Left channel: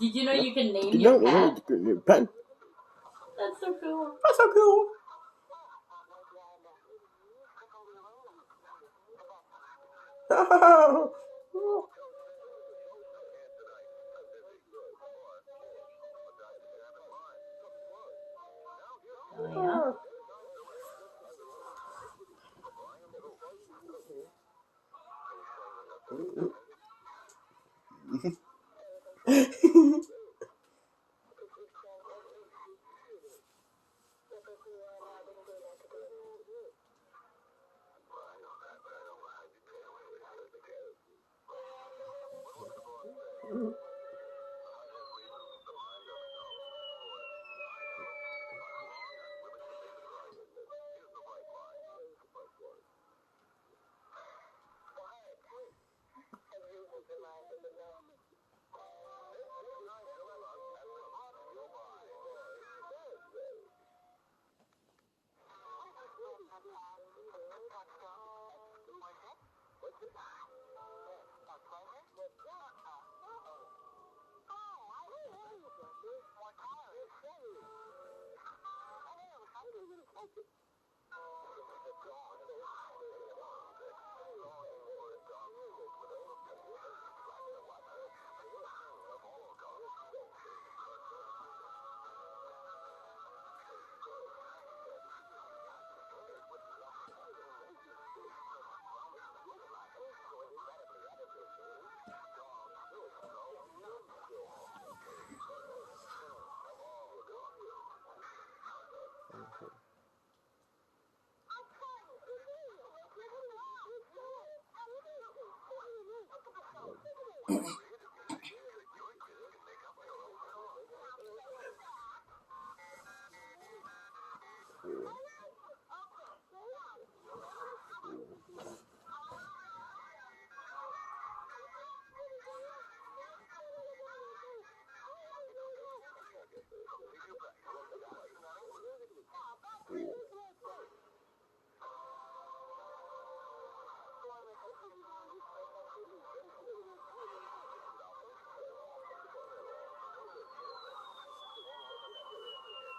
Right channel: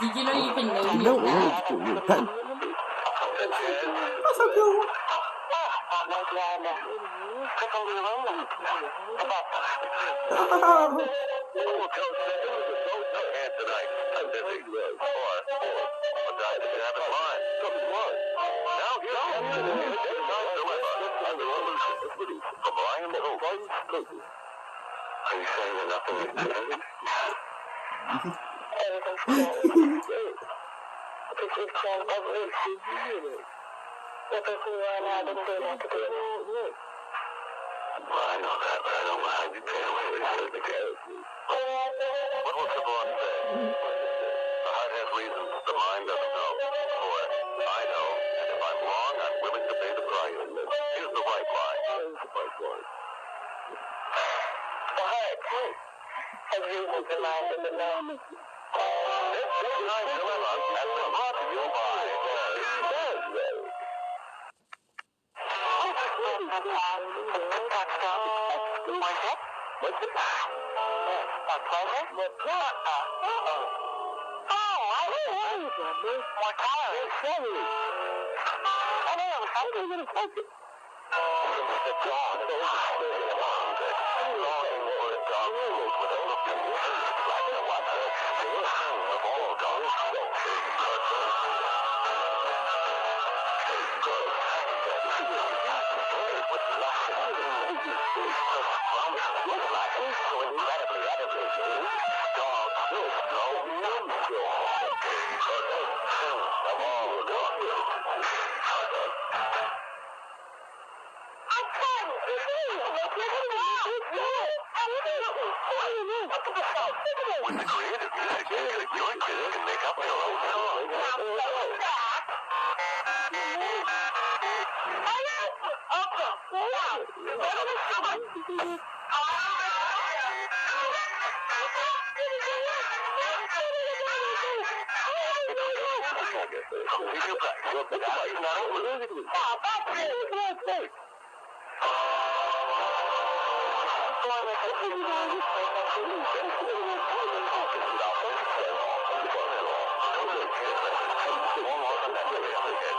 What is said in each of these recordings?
Did you know you can name You your know, cat? pen. What's up, girl?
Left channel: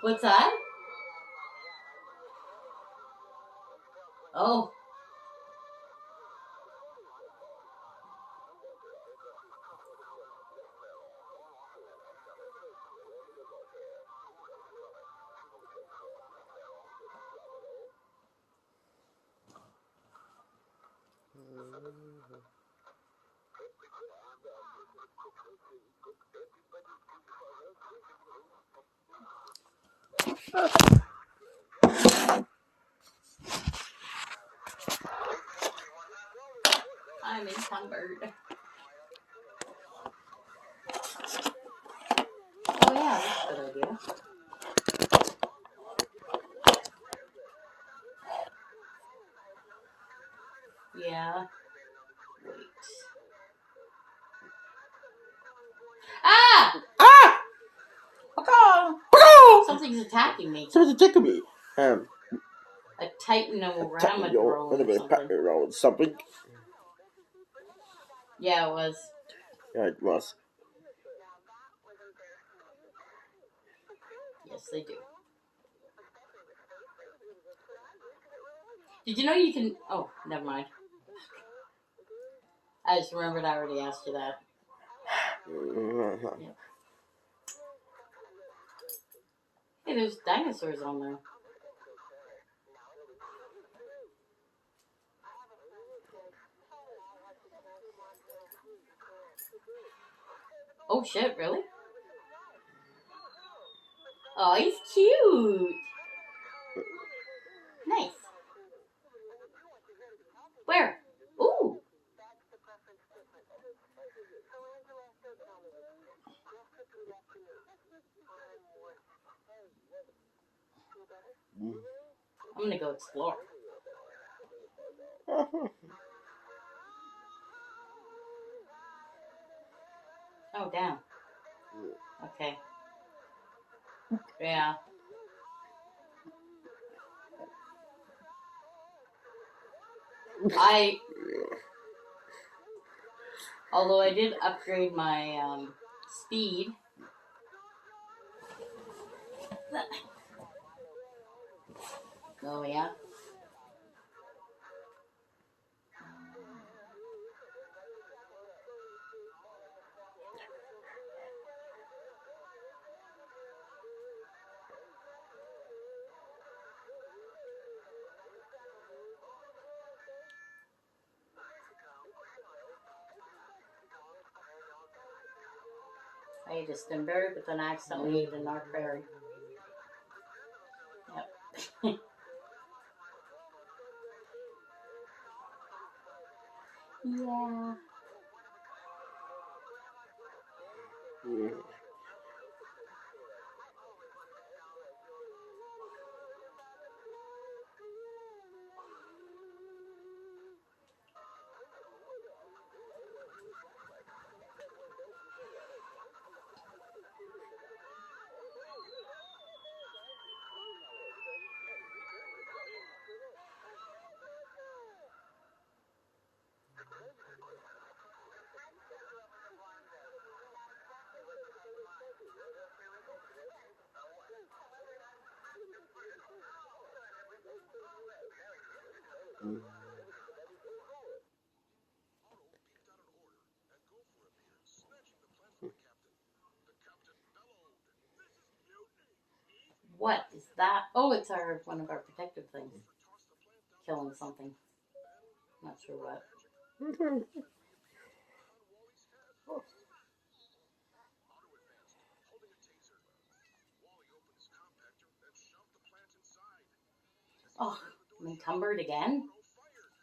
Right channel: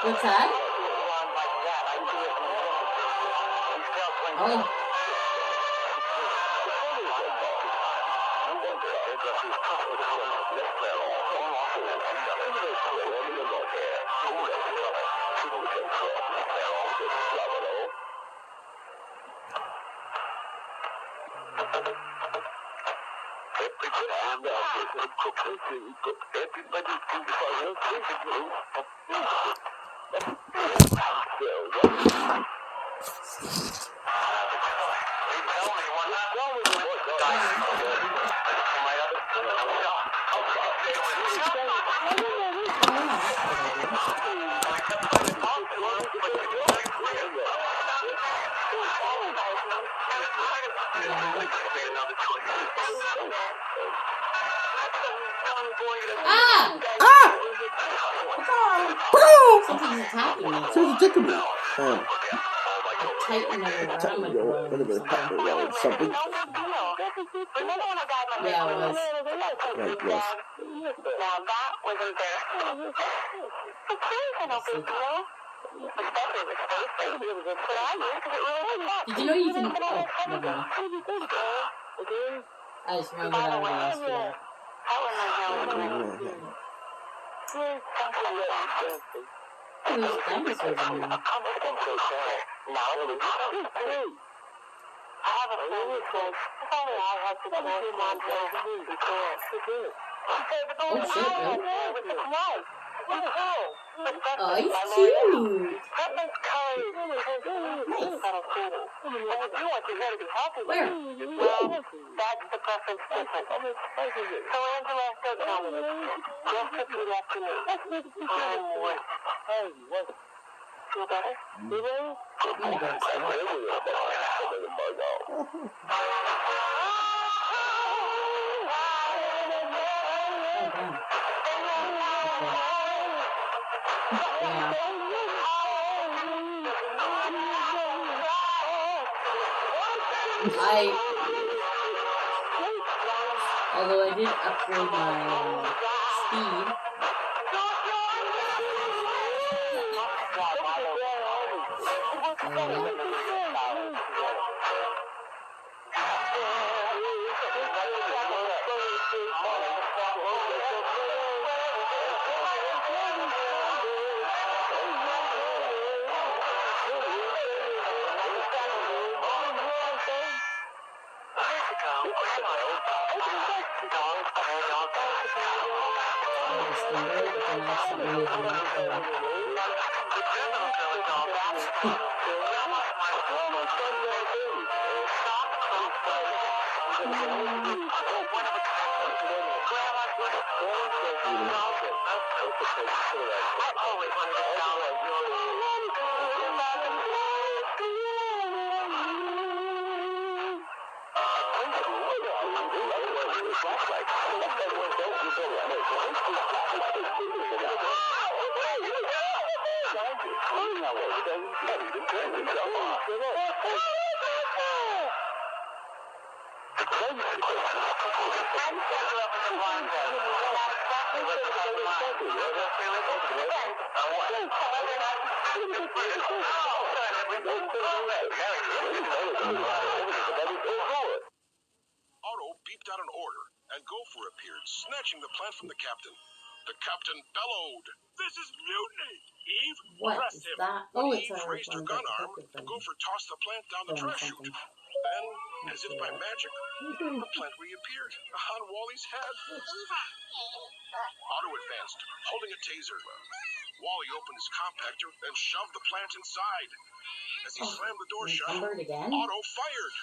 What's that? Oh. Ah! Something's attacking me. Someone's attacking me. A titan or a Attacking roll your or something. roll something. Yeah, it was. Yeah, it was. Did you know you can... Oh, never mind. I just remembered I already asked you that. Hey, there's dinosaurs in here. Now, I have a friend who says, if only I had the chance to mom Oh shit, Bill. Oh, he's cute. Nice. Where? That's the preference difference. So Angela, don't tell me. Just repeat after me. I'm worth. Feel better? I'm gonna go to sleep. Oh, damn. Okay. Yeah. Although I did upgrade my speed. Oh, yeah. Standard, but then I accidentally used the mark there. Otto beeped out an order, and Gopher appeared, snatching the plant from the captain. The captain bellowed, "This is mutiny! Eve, What press is him!" that? When Oh, Eve it's our raised one her of gun the arm, protective things. Gopher tossed the plant down the Doing trash chute. something. Then, as if see by that. magic, the plant reappeared on Wally's head. Otto advanced, holding a taser. Wally opened his compactor and shoved the plant inside. As he slammed the door shut, Encumbered again? Otto fired.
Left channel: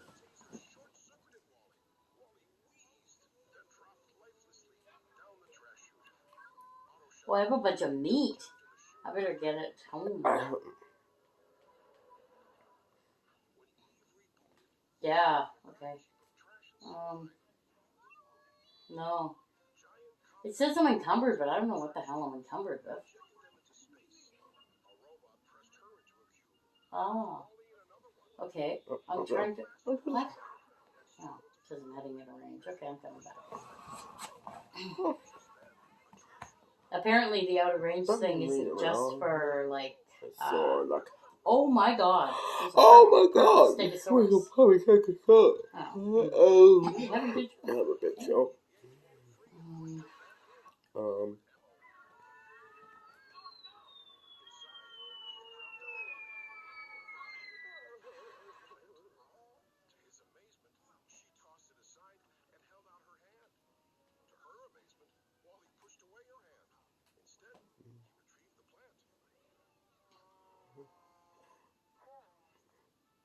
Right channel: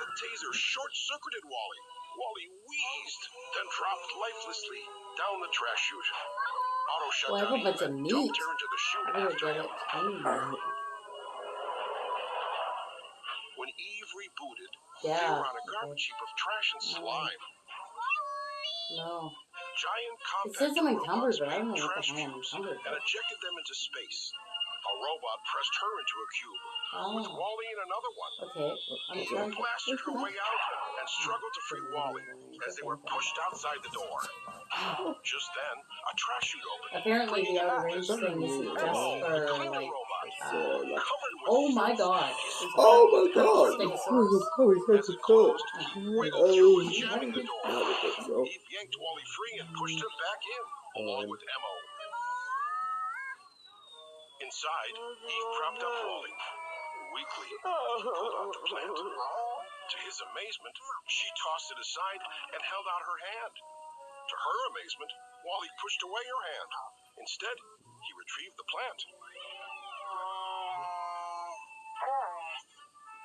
The taser short-circuited Wally. Wally wheezed, then dropped lifelessly down the trash chute. Otto shut Well, I have down a bunch Eve of and meat. dumped her into the chute I better after get him. it clean. When Eve rebooted, Yeah. they were on a Okay. garbage heap of trash and slime. No. Giant It says I'm compactor encumbered, robots but I don't know made what the trash hell I'm cubes encumbered and with. ejected them into space. A robot pressed her into a cube, with Oh. Wally in another one. Okay. I'm Eve trying to... blasted her What? way out and struggled to free Wally as they were pushed outside the door. Just then, a trash chute opened. Apparently the outer range thing isn't just for, like... Covered oh my god. Oh my god! Stegosaurus. As it closed, Oh, jamming the door. so. Eve yanked Wally free and pushed him back in, along with Emmo. Inside, Eve propped up Wally. Weakly, he pulled out the plant. To his amazement, she tossed it aside and held out her hand. To her amazement, Wally pushed away her hand. Instead, he retrieved the plant.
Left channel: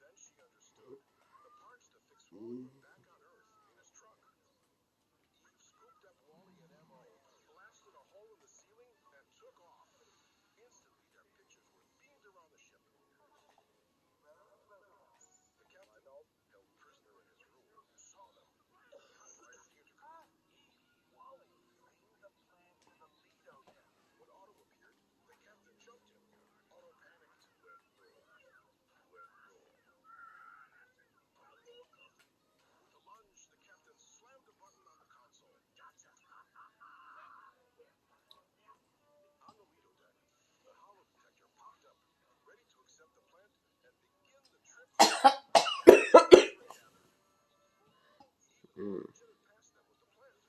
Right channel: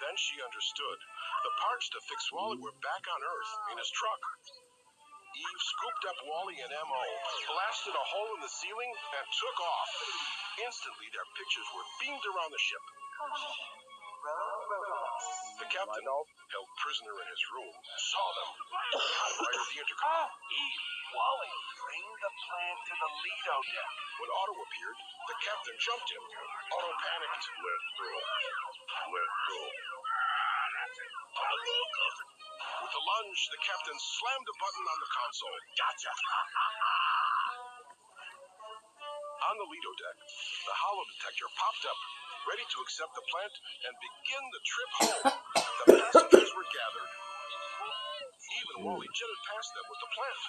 Then she understood. The parts to fix Wally were back on Earth, in his truck. Eve scooped up Wally and Mo, blasted a hole in the ceiling, and took off. Instantly, their pictures were beamed around the ship. The captain, held prisoner in his room, saw them. Operated the intercom. Eve, Wally, bring the plant to the Lido deck. When Otto appeared, the captain jumped him. Otto panicked. Let go. Let go. With a lunge, the captain slammed a button on the console. Gotcha! On the Lido deck, the hollow detector popped up, ready to accept the plant and begin the trip home. The passengers were gathered. Eve and Wally jetted past them with the plant.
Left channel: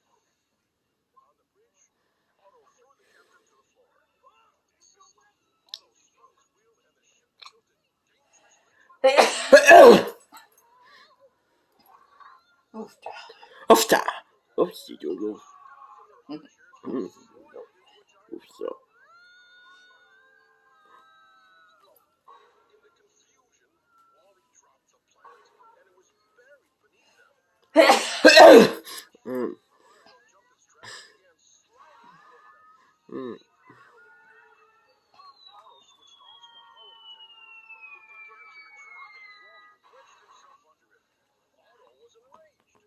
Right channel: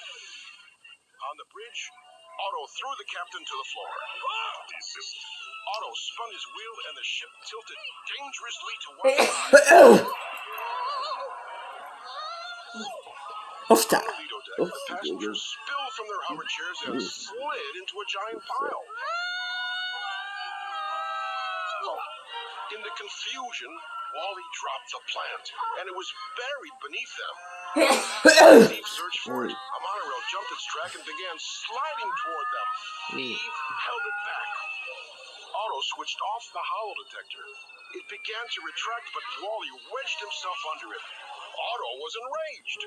On the bridge, Otto threw the captain to the floor. Otto spun his wheel and the ship tilted dangerously to one side. Ofta. On the Lido deck, passengers spilled from their hover chairs and slid into a giant pile. In the confusion, Wally dropped the plant, and it was buried beneath them. Eve searched for it. A monorail jumped its track and began sliding toward them. Eve held it back. Otto switched off the hollow detector. It began to retract, but Wally wedged himself under it. Otto was enraged.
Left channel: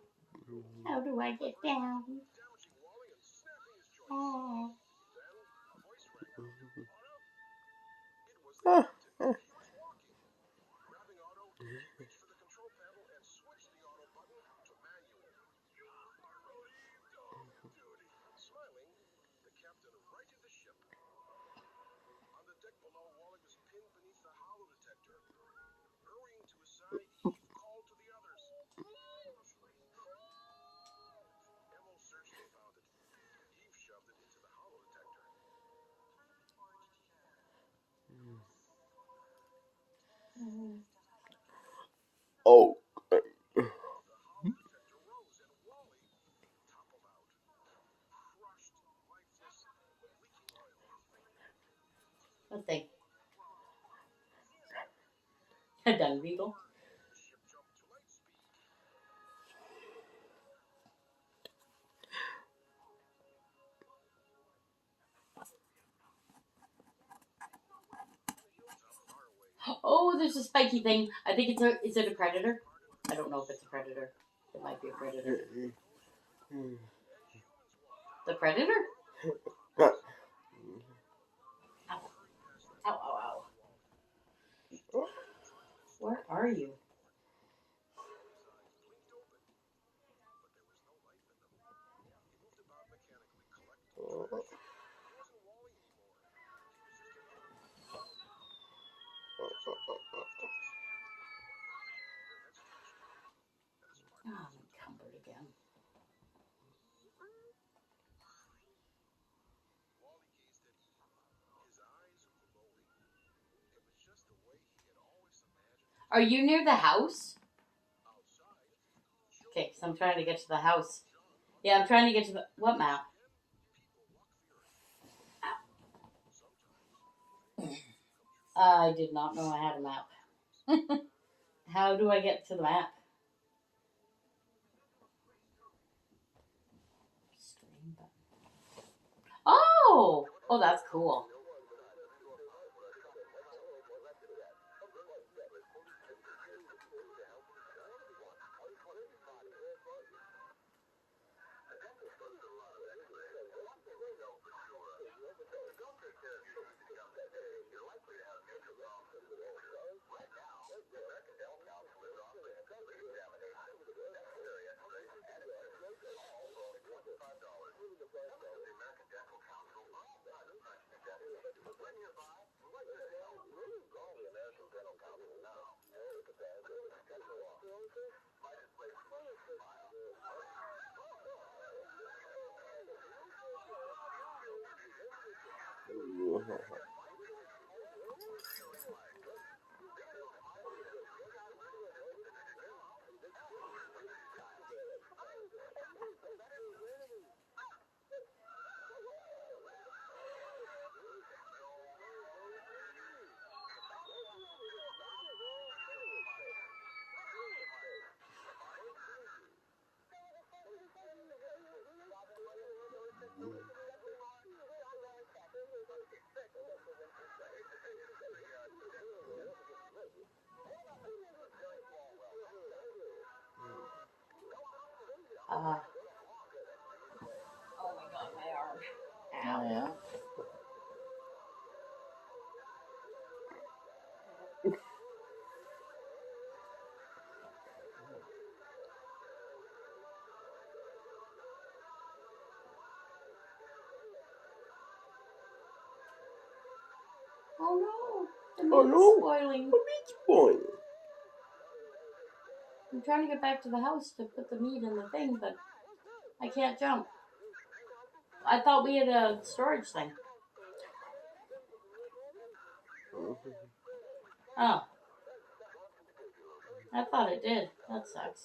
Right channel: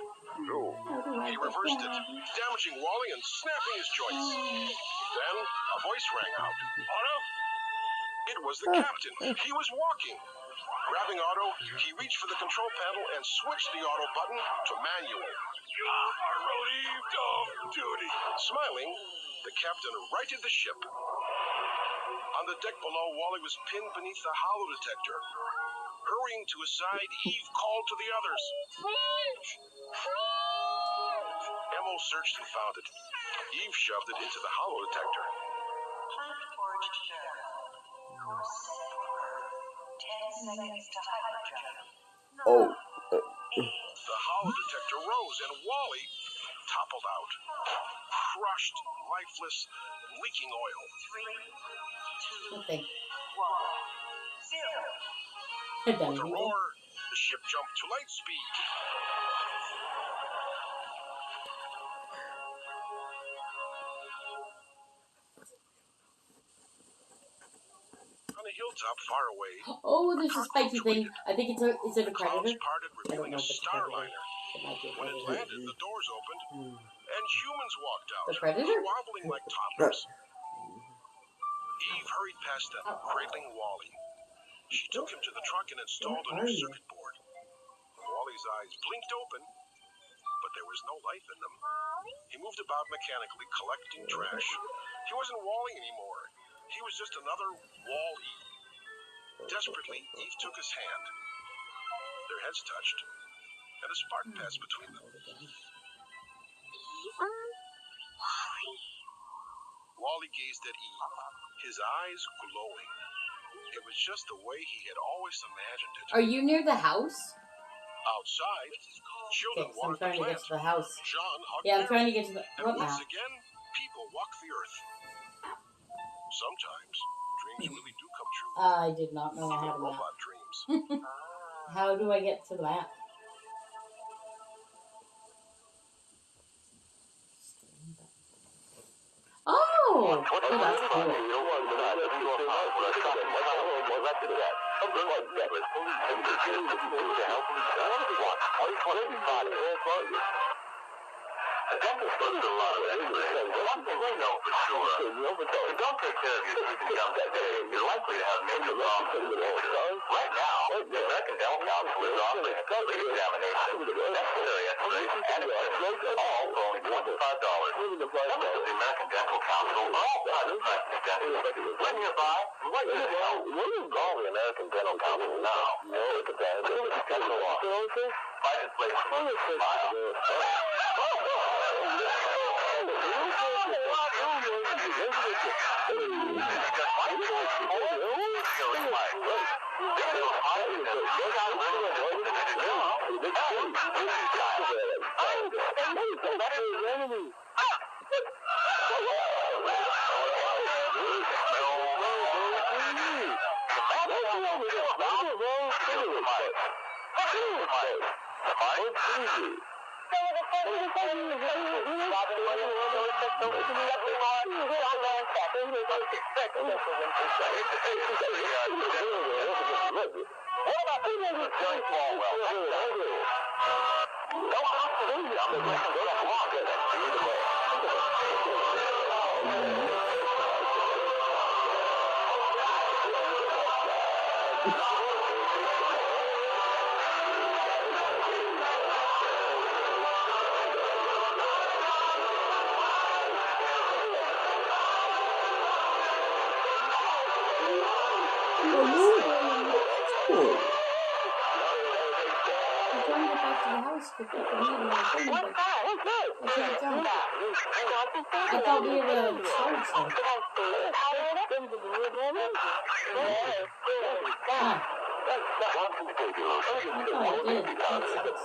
He reversed it, damaging Wally and snapping his joints. Then a voice rang out. Otto? It was the captain. He was walking. Grabbing Otto, he reached for the control panel and switched the auto button to manual. Relieved of duty. Smiling, the captain righted the ship. On the deck below, Wally was pinned beneath the hollow detector. Hurrying to his side, Eve called to the others. Emo searched and found it. Eve shoved it into the hollow detector. Oh. The hollow detector rose and Wally toppled out. Crushed, lifeless, leaking oil. Nothing. With a roar, the ship jumped to light speed. On a hilltop far away, Oh, there's a spiky thing. I think it's a. Is it a clouds predator? parted, I don't revealing know a if it's a star predator. liner. It might be a When it predator. landed, the doors opened, and humans walked out. The predator? Wobbling like toddlers. Eve hurried past them, cradling Wally. She took him to the truck and installed a new circuit board. Wally's eyes blinked open, but there was no life in them. He moved about mechanically, collecting trash. He wasn't Wally anymore. He was just another Wall-E. Desperately, Eve took his hand. Their heads touched, and a spark passed between them. Wally gazed at Eve, his eyes glowing. It was just the way he had always imagined it. Are you near the house? Outside, children Okay, so I'm watered trying to get plants. to the house. John hugged Yeah, I'm Mary. trying to get to the. And What once map? again, people walk the earth. Sometimes, dreams really do come true. I did not know I Even had a map. robot dreams. How do I get to the map? Oh! Oh, that's cool. The dentist does a lot of exercise. One thing we know for sure, if you don't take care of your teeth and gums today, you're likely to have major problems in the future. Right now, the American Dental Council is offering a complete examination, necessary x-rays, and equipment, all for only $25. Members of the American Dental Council are all private practice dentists. When you're by, what is it? What is called the American Dental Council now? No, it's a bad dental office. Private place. Smile. Oh no! I'm trying want to get back to the house to put the meat in the thing, but I can't jump. I thought we had a storage thing. Oh, I thought it did. That sucks.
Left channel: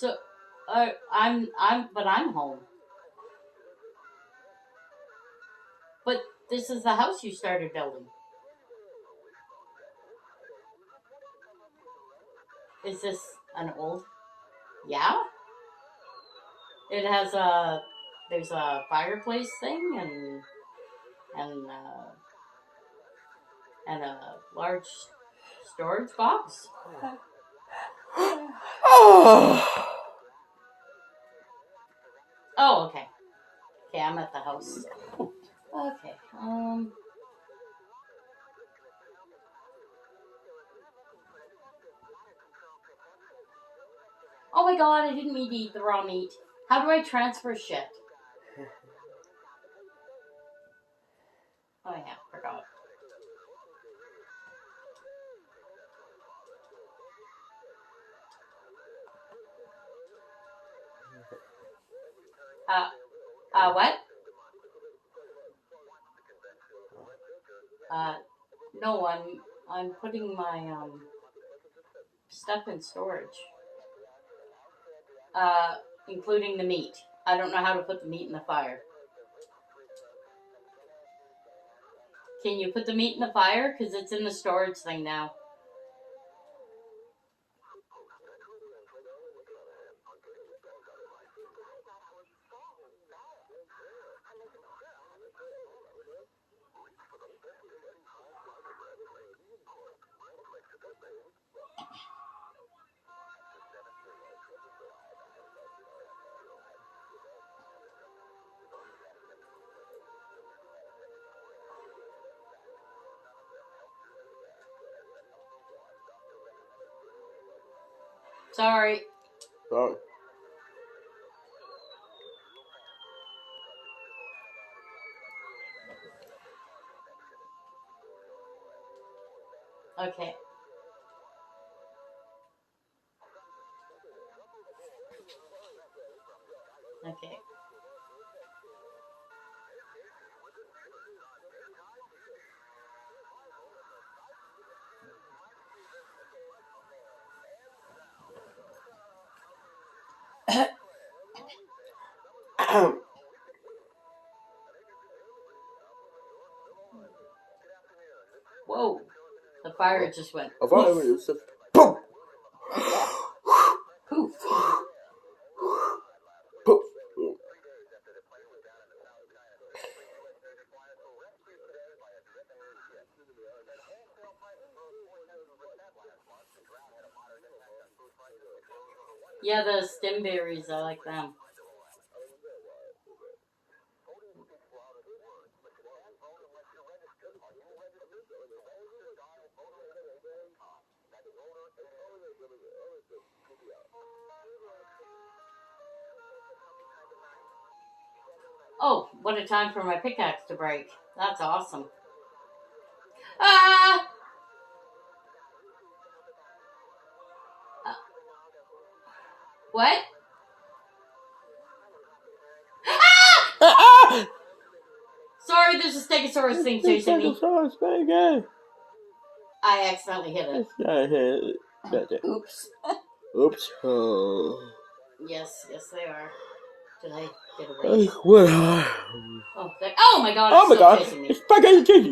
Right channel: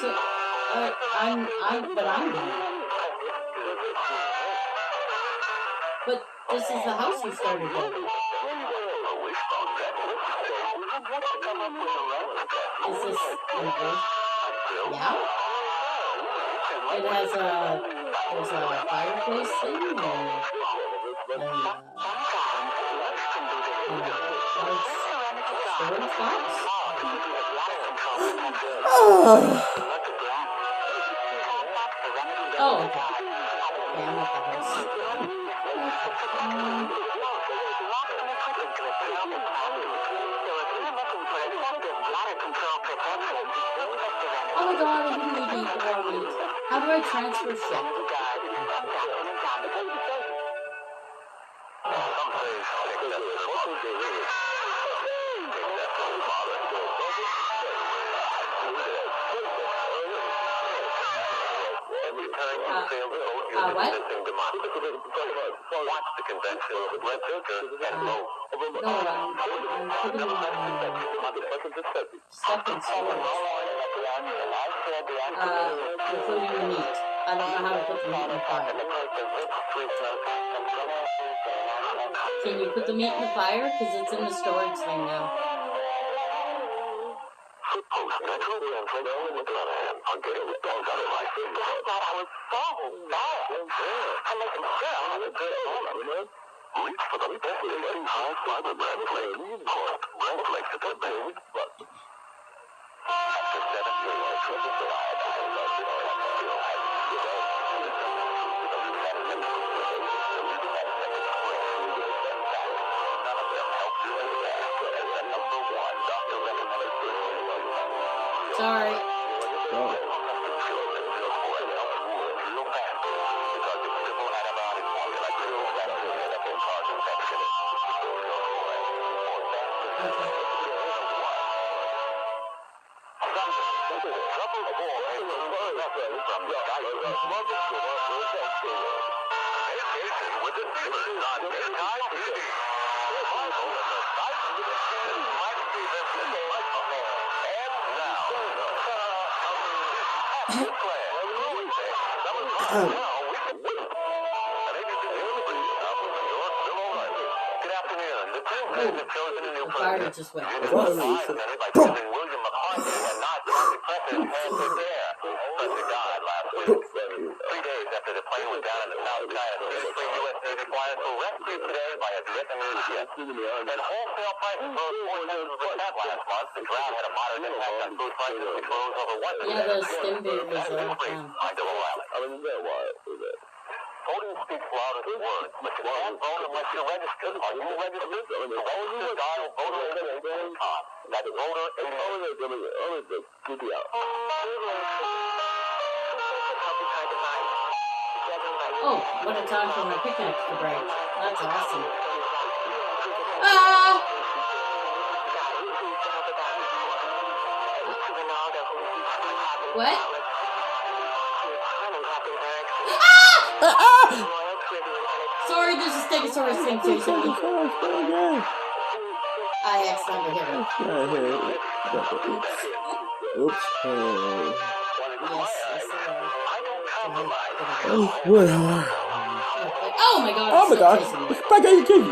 So, but I'm home. But this is the house you started building. Is this an old? Yeah? It has there's a fireplace thing and a large storage box. Oh, okay. Yeah, I'm at the house. Oh my god, I didn't need to eat the raw meat. How do I transfer shit? What? No, I'm putting my stuff in storage. Including the meat. I don't know how to put the meat in the fire. Can you put the meat in the fire? Because it's in the storage thing now. Sorry. Oh. Okay. Oh, the fire just went. Yeah, the stimberries all the time. Voting speaks louder than words, but you can't vote unless you're registered. Are you registered? Registered, dial voter. That's voter. Oh, what a time for my pickaxe to break. That's awesome. Ah! What? Ah! Sorry, there's a Stegosaurus thing chasing me. I accidentally hit it. Oops. Oops. Yes, Oh, well. Oh my god, Oh my it's god. still chasing me. Back at the kitchen.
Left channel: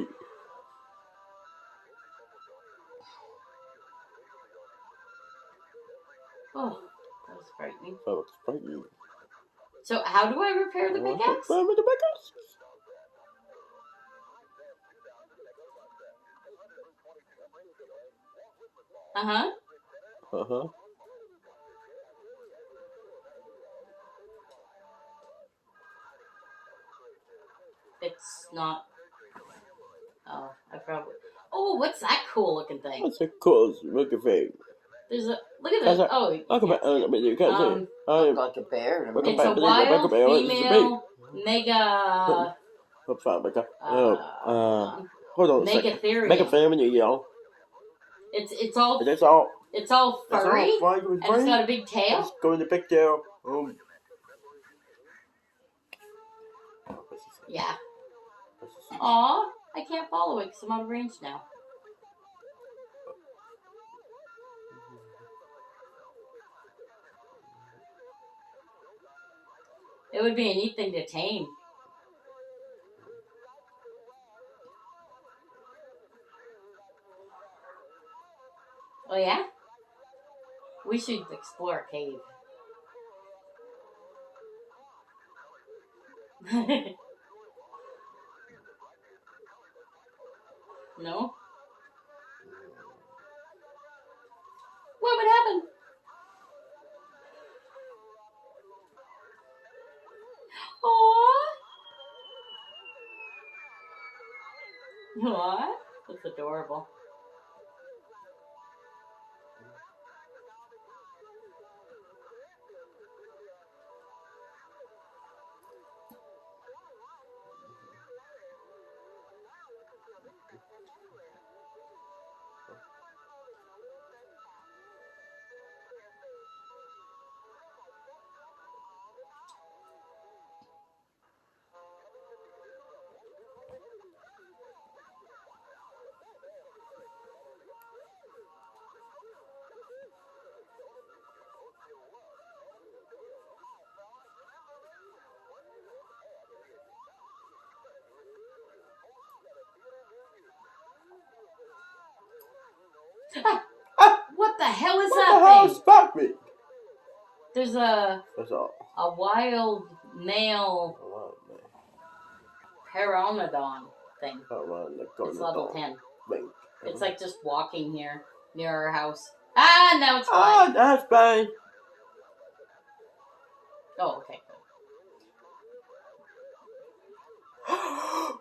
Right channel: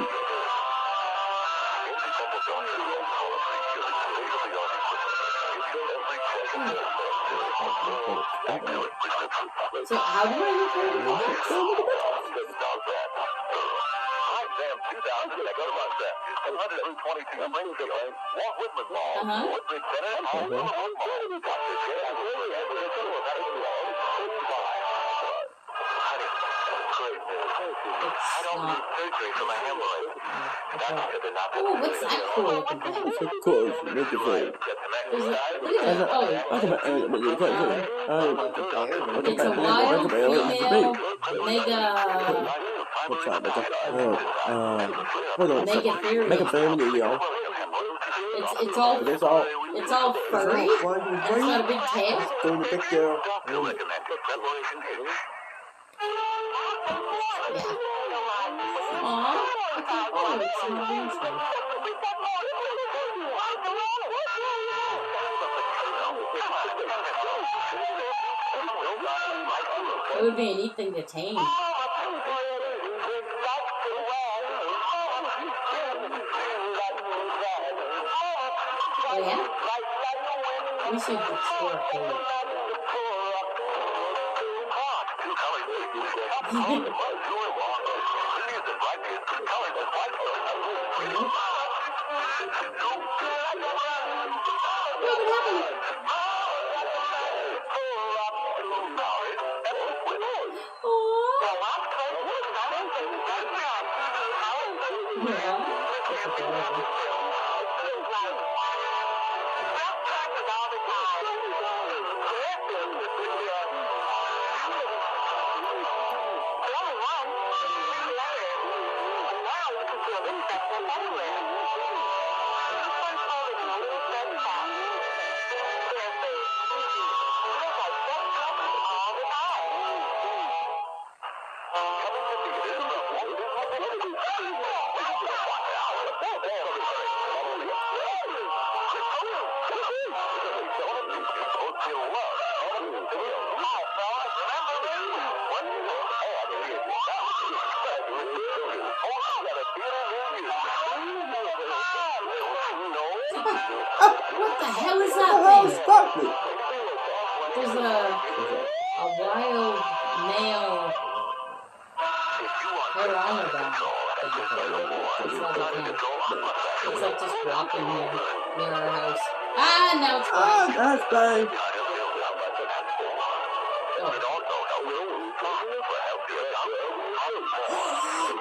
So how do I repair the pickaxe? It's not. surgery for my hemorrhoids. Oh, what's that cool looking thing? It's a course, make a thing. There's a, look at That's that. a, Oh, like a man, you can't say. Like a bear. Like a it's a man, wild like a bear, it's a female bee. mega What's that, like a, hold on a second. Make a Megatherium. family, y'all. It's But all it's all, furry, it's all and it's got a big tail. Just go to the big tail. Yeah. Aw, I can't follow it. It's not a range thing. It would be a neat thing to tame. Oh yeah? We should explore a cave. What would happen? Aww. Yeah, that's adorable. What the hell is that thing? Stop me! There's a wild male pteranodon thing. It's level 10. It's like just walking near our house. Ah, no, it's fine. Ah, that's fine. Oh.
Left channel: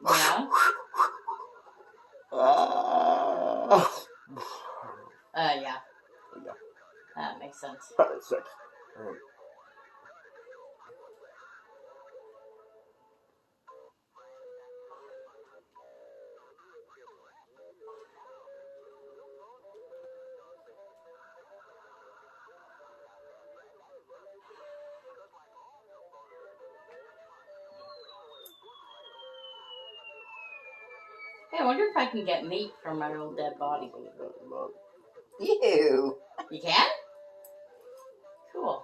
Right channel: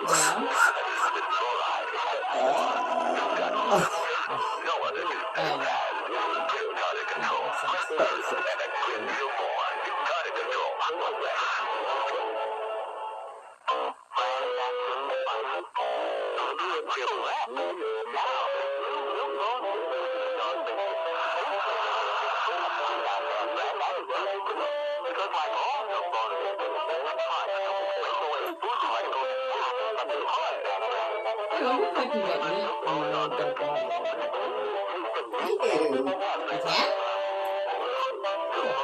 Yeah. Yeah. That makes sense. I wonder if I can get meat from my old dead body. Ew. You can? Cool.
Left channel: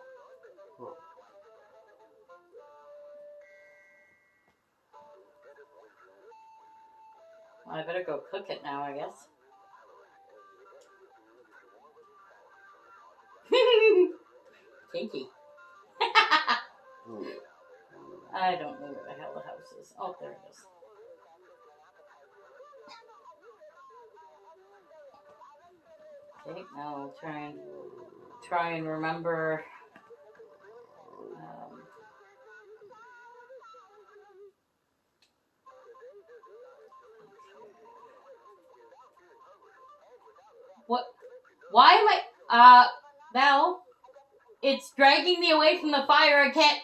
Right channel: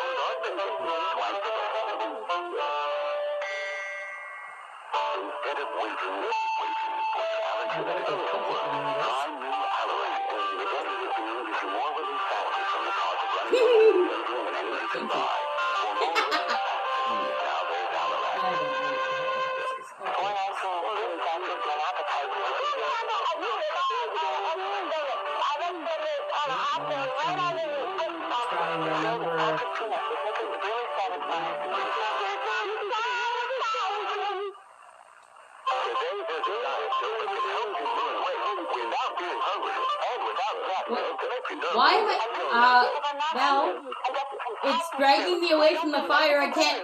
I better go cook it now, I guess. Kinky. I don't know what the hell the house is. Okay. Try and remember. What? Why am I? Val, it's dragging me away from the fire. I can't.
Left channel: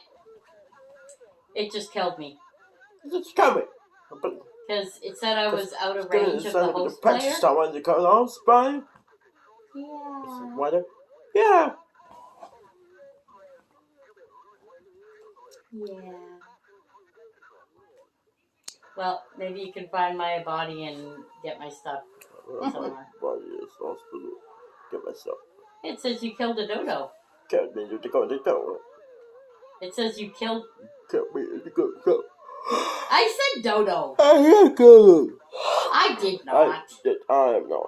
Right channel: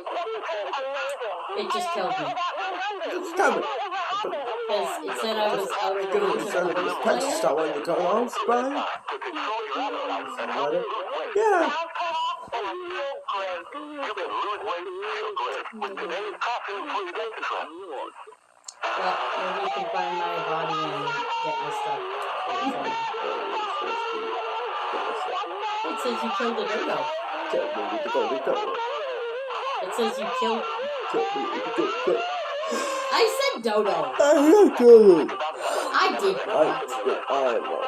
It just killed me. Stop it. Because it said I was out of range of the host Press player. stop when you cut off, spray. Yeah. Well, maybe you can find my body and get my stuff. It says you killed a dodo. It says you killed. I said dodo. I did not. I know.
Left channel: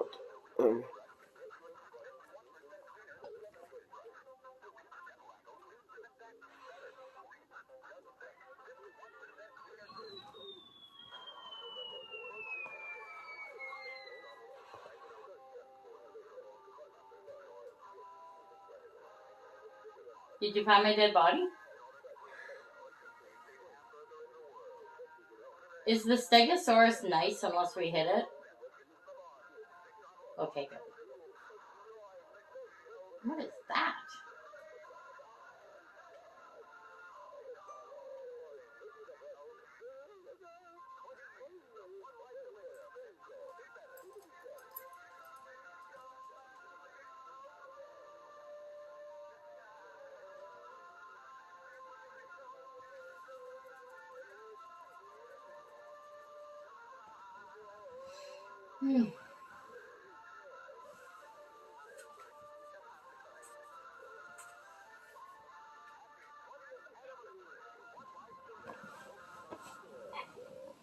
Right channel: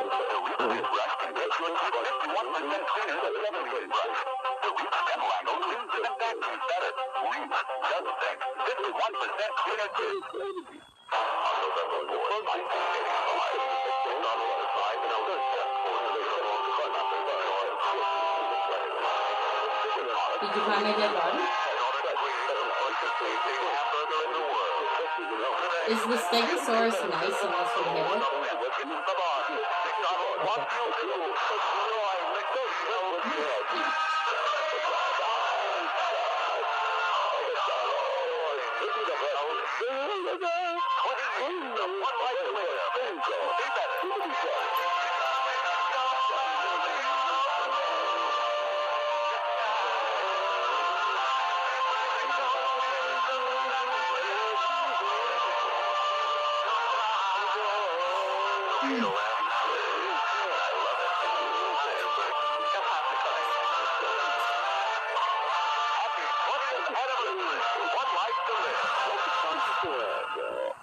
Did you find my dead body? Is the Stegosaurus nice unless we hit it?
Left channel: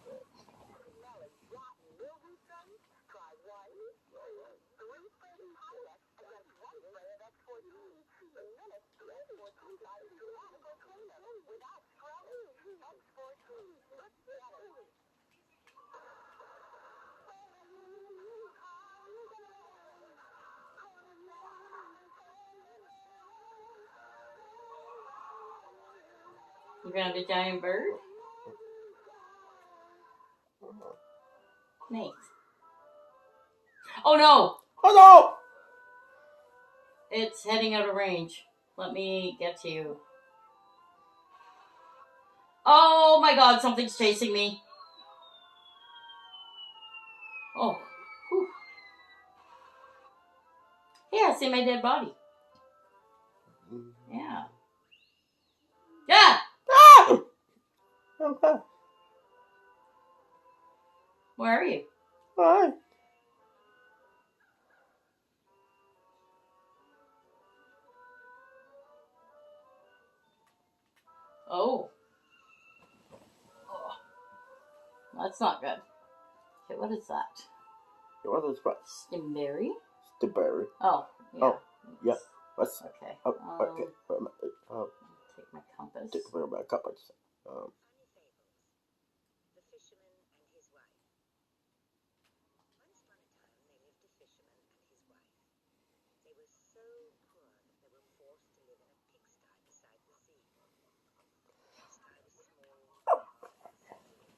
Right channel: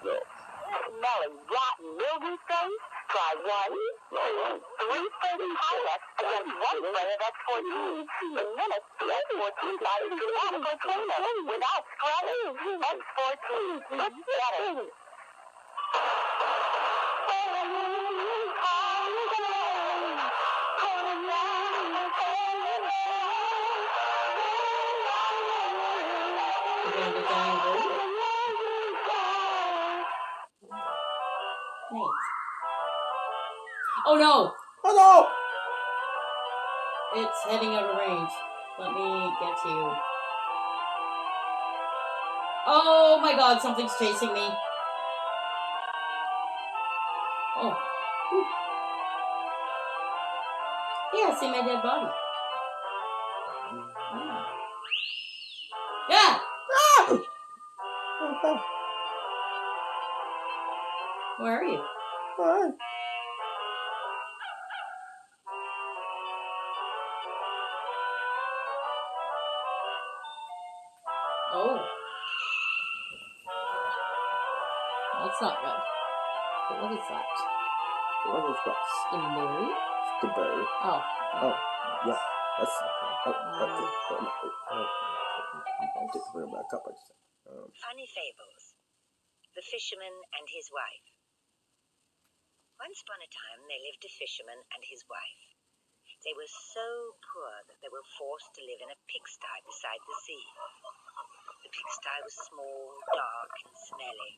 Okay. Smelling rotten mildew things? Try 1, 330 pilots against 1 player that's 14. In minutes, X14 flies to adequate cleaner without scrubbing. X14, it's better. You got the giant bird? Nice. Oh no! Oh no! It's heading out of range. Let me get to you. Oh my god, something's chasing me. Oh. Whew. Yeah, see my dead body. Yeah. Yeah! Ah! Where are you? Hi. Oh. That's not good. Okay, what is that? What is that? Stimberry? Strawberry. Oh. Oh, yeah. That's Okay. okay. Compass. Where my compass? Funny Fables. The Fisherman and His Wife. Once upon a time there lived a fisherman and his wife. They were so poor that they were forced to live in a pigsty beside the sea. The pigsty was small, dark, and smelly,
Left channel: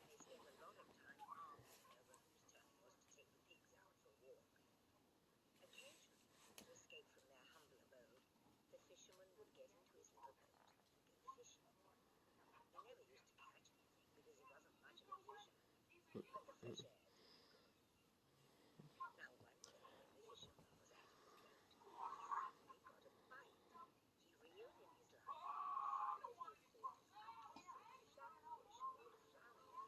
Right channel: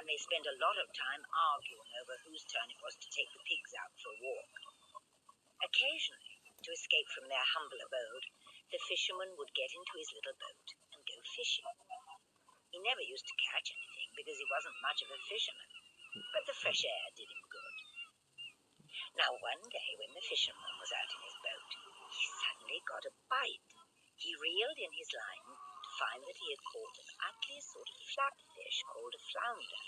and they spent a lot of time arguing over whose turn it was to take the pigs out for a walk. Occasionally, to escape from their humble abode, the fisherman would get into his little boat and go fishing. He never used to catch anything because he wasn't much of a fisherman, but the fresh air did him good. Now one day when the fisherman was out in his boat, he suddenly got a bite. He reeled in his line to find that he had caught an ugly sort of flatfish called a flounder.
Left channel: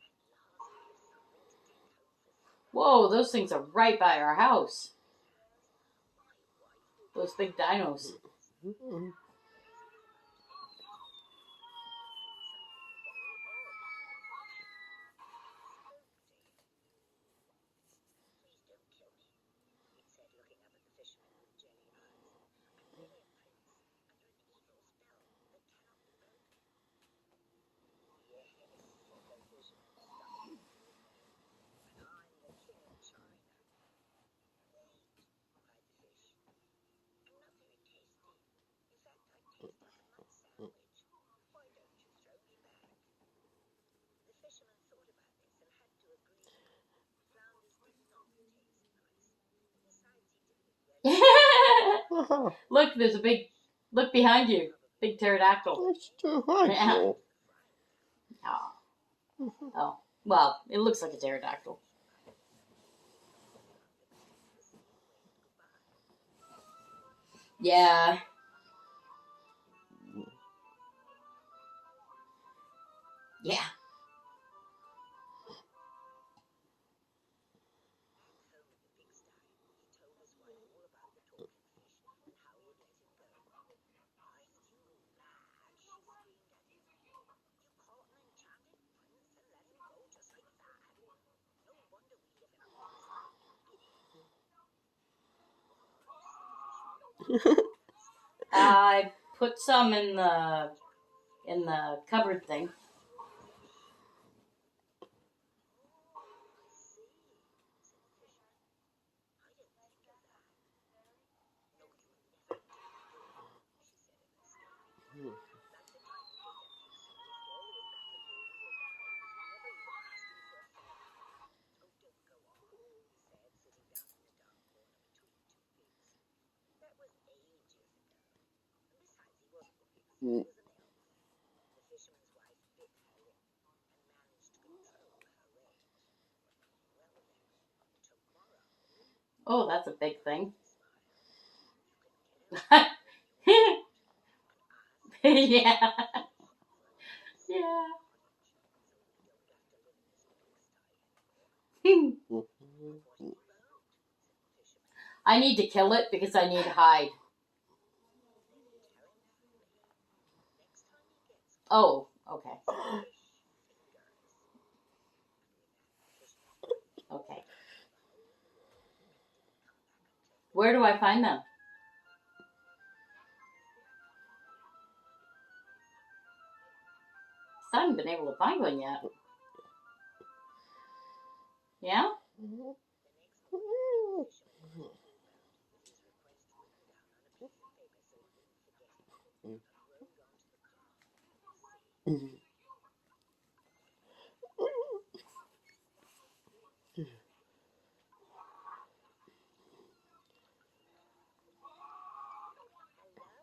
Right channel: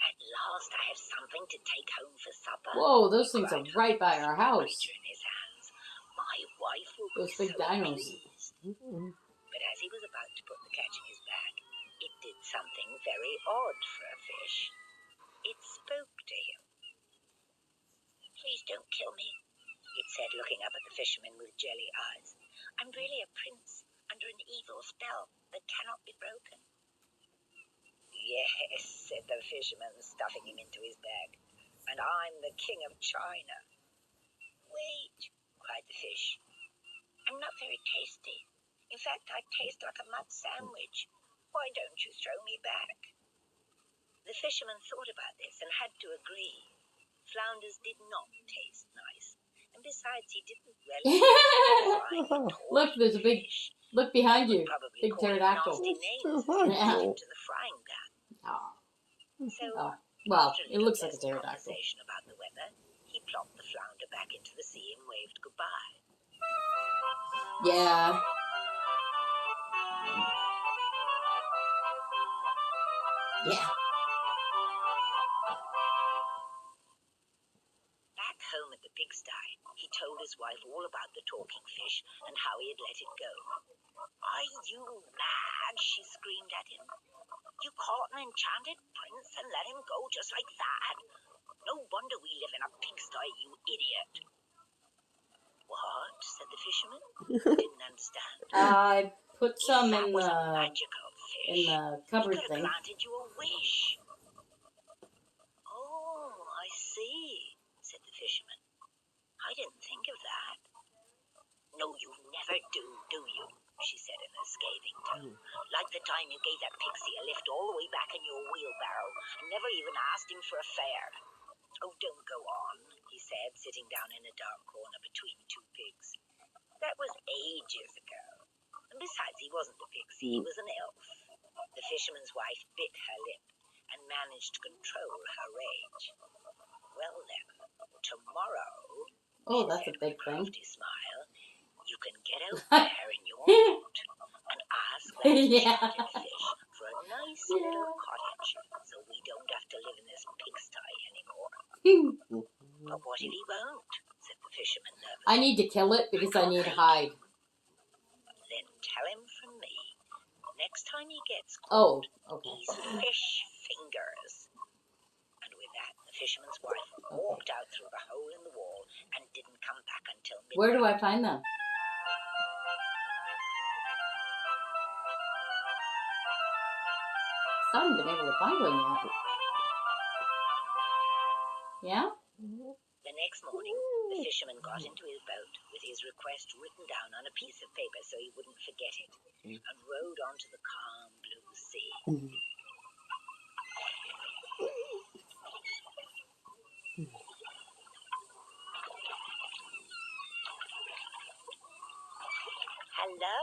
At last I have something to take home for supper. Whoa, those things are right by our house. In his hands. My wife will Those be big so dinos. pleased. But as he was about to put the catch in his bag, it did something very odd for a fish. It spoke to him. Please don't kill me, it said, looking up at the fisherman with jelly eyes. I'm really a prince under an evil spell that cannot be broken. Yes, said the fisherman, stuffing him into his bag. And I'm the king of China. Wait, cried the fish. I'm not very tasty. In fact, I taste like a mud sandwich. Why don't you throw me back? The fisherman thought about this and had to agree. Flounders did not taste nice. And besides, he didn't relish Look, there's a big... Look behind you. probably Big called pterodactyl. nasty names Yeah. into the frying pan. Oh. So, Oh. Well, after it looks like a little pterodactyl. conversation about the weather, he plopped the flounder back into the sea and waved goodbye. Yeah. Yeah. Back home at the pigsty, he told his wife all about the talking fish and how he had let it go. Are you mad? She screamed at him. You caught an enchanted prince and let him go just like that? No wonder we live in a pigsty, you idiot. What? Said the fisherman. Didn't understand. I put some That in was the magical fish. in the cupboard He could thing. have granted you a wish. Oh, I see, said the fisherman. I didn't think of that. No, you never do you? She said in a scathing too. Like the time you gave that pixie a lift all the way back in your wheelbarrow and never even asked him for a fare. Oh, don't go on, he said, sitting down in a dark corner between two pigs. That was ages ago. And besides, he wasn't a pixie, he was an elf. The fisherman's wife bit her lip and managed to control her rage. Well then, tomorrow, Oh, that's a big thing. crafty smile, you can get out there in your boat and ask that Yeah. enchanted fish for a nice little Yeah. cottage so we don't have to live in this pigsty anymore. But what if he won't? Said the fisherman nervously. I need to kill it because I need hide. Then tell him from me, next time he gets Oh, caught, okay. he's fish fingers. And with that, the fisherman's wife walked out through the hole in the wall and didn't come back until midnight. Where do I find them? I haven't been able to find one yet. Yeah? The next morning, the fisherman got into his boat with his request written down on a piece of paper so he wouldn't forget it, and rowed onto the calm blue sea. Hello,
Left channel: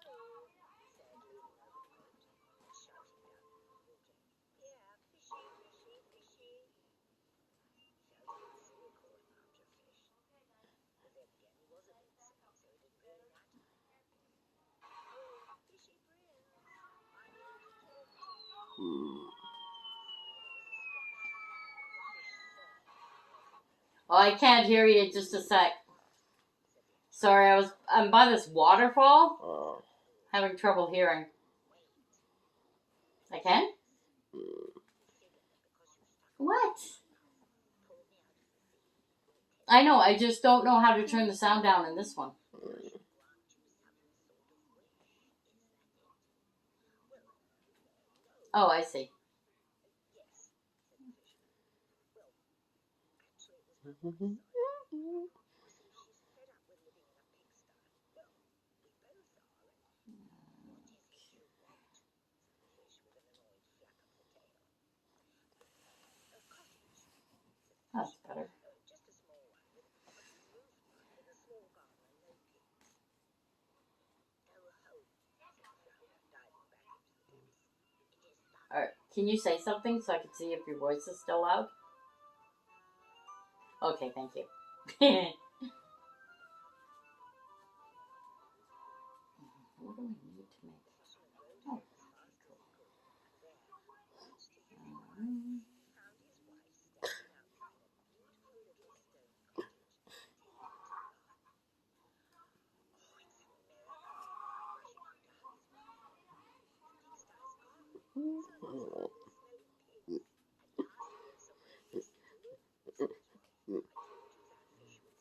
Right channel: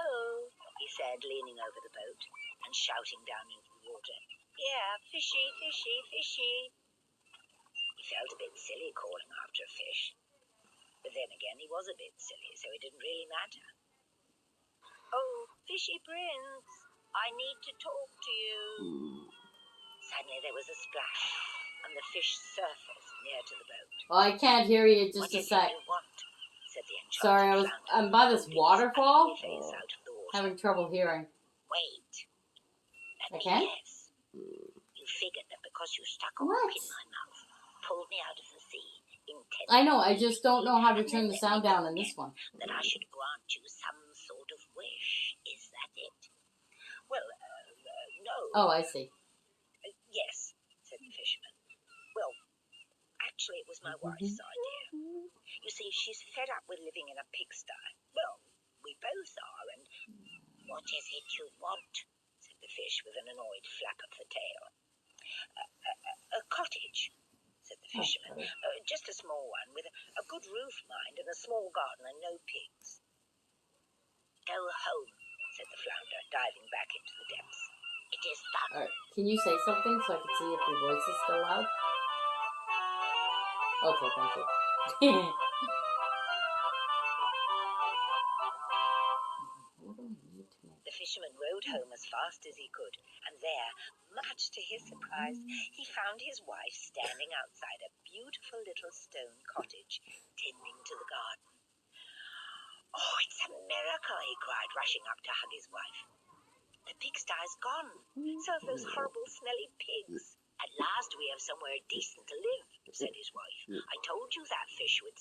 he said, leaning over the boat and shouting down into the water. Yeah, fishy, fishy, fishy. He felt a bit silly calling after a fish. But then again, he was a bit silly, so it didn't really matter. Oh, fishy prince, I need to talk to you. Suddenly there was a splash, and the fish surfaced near to the boat. Oh, I can't hear you. Just a sec. What? Said the enchanted Sorry, I'm by this waterfall. face out of the water. Having trouble hearing. Wait. I can? Yes. You figured that because you stuck a hook in my mouth, pulled me out of the sea, intended I know, I just don't know how to turn the sound down in this one. that I should grant you some sort of wish. Is that it? Well, no. Oh, I see. Yes, said the fisherman. Well, actually, it was my wife's idea. You see, she's fed up with living in a pigsty. Well, we both are, and what is it you want? Said the fish with an annoyed flap of the tail. A cottage, said the fisherman. Just a small one, with a good roof, mind, and a small garden and no pigs. Go home, said the flounder, diving back into the depths. It is done. Alright, can you say something so I can see if your voice is still loud? Okay, thank you. The fisherman rowed home as fast as he could, and there, much to his surprise, he found his wife standing outside a beautiful little stone cottage, tending to the garden. Oh, it's a miracle, he cried, rushing up to hug his wife. The pigsty's gone. So have those horrible, smelly pigs. At last we have somewhere decent to live, said his wife. I told you that fish would